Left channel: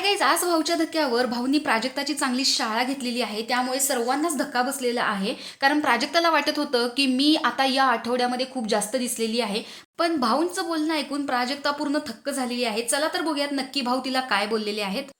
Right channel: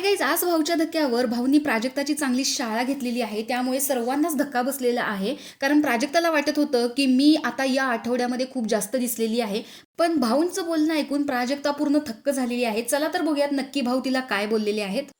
Hi guys, आज भाऊच्या धक्क्यावर भाऊनी प्राजक्ताची चांगली शाळा घेतलेली आहे. त्यामुळे सर्वांनाच धक्का बसलेला आहे. कारण प्राजक्ताला वाटत होतं की मी आता या आठवड्यामध्ये खूप जास्त दिसलेली आहे. पण भाऊंचं बोलणं ऐकून प्राजक्ता पूर्ण थक्क झालेली आहे. चला तर बघूयात नक्की भाऊ तिला काय बोललेले आहेत.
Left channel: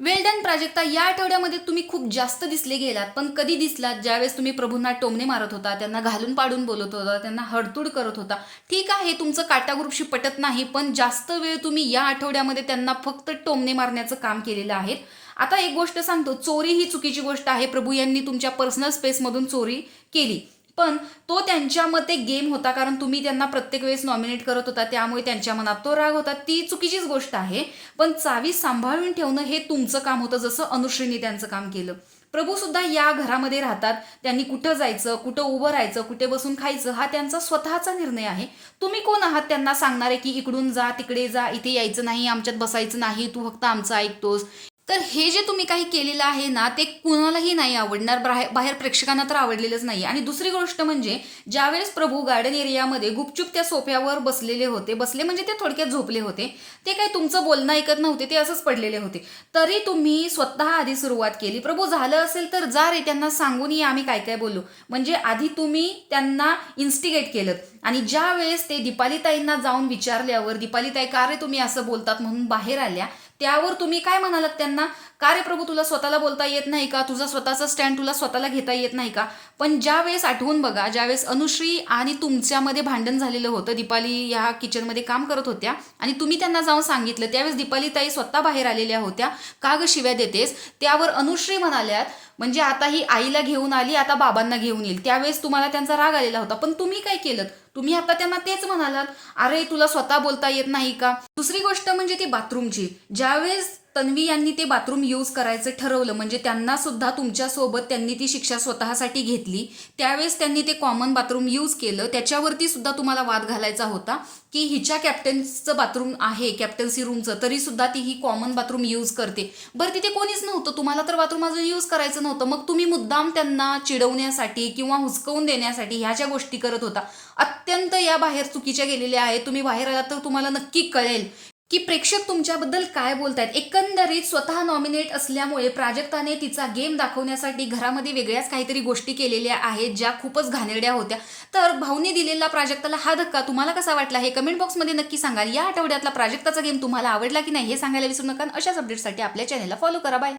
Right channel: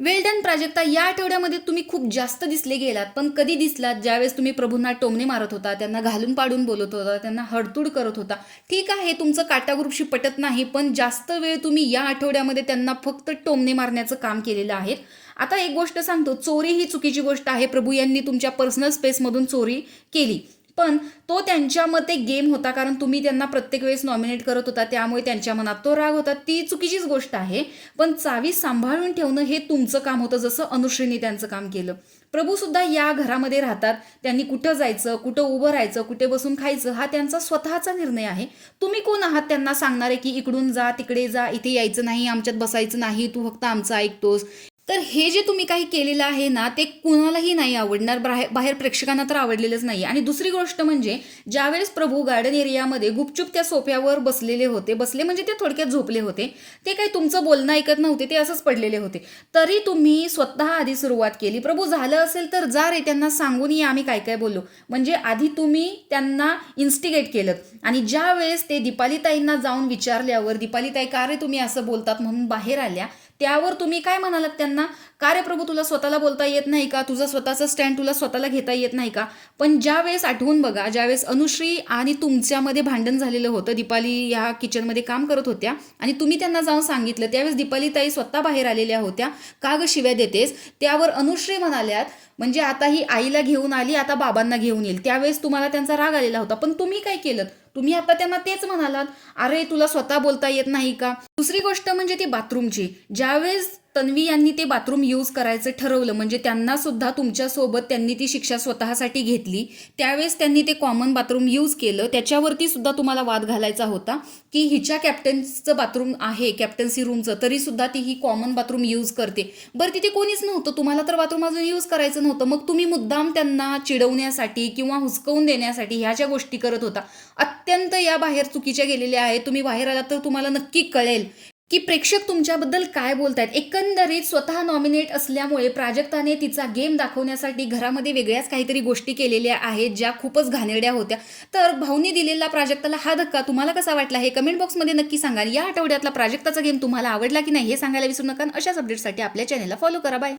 वेल डन प्राजक्ता, या आठवड्यामध्ये तुम्ही खूप जास्त दिसले गेलात. पण कधी दिसलात? ज्यावेळेस तुम्ही प्रभूंना टोमणे मारत होता, त्यांना घालून पाडून बोलत होता, त्यांना हडतूड करत होता. ठीक आहे, तुमचं काटा ग्रुपशी पटत नाही, पण जास्त वेळ तुम्ही या आठवड्यामध्ये त्यांना फक्त टोमणे मारण्याचं काम केलेलं आहे. आता एक गोष्ट सांगतो, चोरी ही चुकीची गोष्ट आहे. प्रभू यांनी तुमच्या पर्सनल स्पेसमधून चोरी केली, पण तो त्यांच्या मते गेम होता. कारण तुम्ही त्यांना प्रत्येक वेळेस नॉमिनेट करत होता, त्यामुळे त्यांच्या मनात तो राग होता. ती चुकीचीच गोष्ट आहे. पण चावी सांभाळून ठेवणं हे तुमचं काम होतं, जसं अनुश्रीने त्यांचं काम केलं. प्रभू सुद्धा या घरामध्ये राहतात. त्यांनी कुठं जायचं, कुठं उभं राहायचं, कुठे बसून खायचं, हा त्यांचा स्वतःचा निर्णय आहे. तुम्ही कोण आहात त्यांना सांगणारे की इकडून जा, तिकडे जा, इथे यायचं नाही, आमच्यात बसायचं नाही, तू फक्त आमचं ऐकतोस. तर हे जे तुम्ही काही केलेलं आहे ना, ते कुणालाही नाही आवडणार. बाहेर प्रेक्षकांना तर आवडलेलंच नाही. आणि दुसरी गोष्ट म्हणजे, ज्यावेळेस प्रभू गार्डन एरियामध्ये गुपचूप त्या सोफ्यावर बसलेले होते, बसले म्हणजे ते थोडक्यात झोपले होते, ते काही तुमचं बोलणं ऐकत नव्हते, ते असंच पडलेले होते. तरी तुम्ही स्वतः आधी सुरुवात केली. प्रभू झालं असेल तर जा रे, त्यांना सांगून या आम्ही काय काय बोलू. म्हणजे आधी तुम्ही त्यांना इन्स्टिगेट केलं. आणि ज्या वेळेस ते दीपालीताईंना जाऊन विचारल्यावर दीपालीताई का रे तुम्ही असं बोलतात म्हणून बाहेर आल्या, त्यावर तुम्ही काय म्हणालात त्यांना? का रे प्रभू, तुला स्वतःला बोलता येत नाही का? तुझा स्वतःचा स्टँड तुला स्वतःला घेता येत नाही का? पण ज्या वेळेस आठवून बघा, ज्यावेळेस अनुश्री आणि तुमच्यामध्ये भांडण झालेलं होतं, दीपाली या किचनमध्ये काम करत होत्या आणि तुम्ही त्यांना जाऊन सांगितलं, त्यावेळेस दीपालीताई स्वतः बाहेर आलेल्या होत्या. का ग शिव्या देतेस? त्यावर अनुश्री म्हणाल्यात, म्हणजे आता ही आईला घेऊन आली, आता बाबांना घेऊन येईल. त्यावेळेस तुम्हाला त्यांचा राग आलेला होता, पण तुम्ही काय केलं? तुम्ही आता त्यांना तेच म्हणालात, अरे तुला स्वतः बोलता येत नाही का? दुसरी गोष्ट म्हणजे ती बाथरूमची. ज्यावेळेस तन्वी यांनी ते बाथरूम यूज करायचं ठरवलं, म्हणजे त्यांना सुद्धा तुमच्यासोबत त्यांनी ती शिक्षा स्वतःसाठी घेतली, त्यावेळेस त्यांनी ते कॉमन बाथरूम यूज केलं. त्याच्यावरती सुद्धा तुम्हाला वाद घालायचा होता की हिच्या कॅप्टन्सचं बाथरूम आहे, कॅप्टन्सी रूमचं, तरी सुद्धा ती ही कॉमन बाथरूम यूज करते. बरं, तिथे कोणीच नव्हतं, तुम्हाला तर बाथरूम अजून यूज करायचं नव्हतं, मग तुम्ही मुद्दाम त्यांना चिडवण्यासाठी किंवा हुसकवून देण्यासाठी ह्या ज्या गोष्टी करत होता, अत्यंत या बाहेर चुकीच्या गेलेल्या आहेत. तुम्ही बाहेर आलात तर तुम्हाला नक्की कळेल की प्रेक्षक तुमच्याबद्दल काय बोलतायत. एकंदरीत स्वतः नॉमिनेट असल्यामुळे प्राजक्ताने तिचा गेम दाखवण्यासाठी घरामध्ये वेगळ्याच काहीतरी गोष्टी केलेल्या आहेत, ज्या खूपच घाणेरड्या होत्या. तर भाऊनी दिलेला प्राजक्ताला हा धक्का तुम्हाला कसा वाटला हे कमेंट बॉक्समध्ये नक्की सांगा. या आठवड्यातला प्राजक्ताचा गेम तुम्हाला आवडला की नाही हे सांगायला विसरू नका. अशाच अपडेटसाठी आपल्या चॅनलला फॉलो करा. बाय.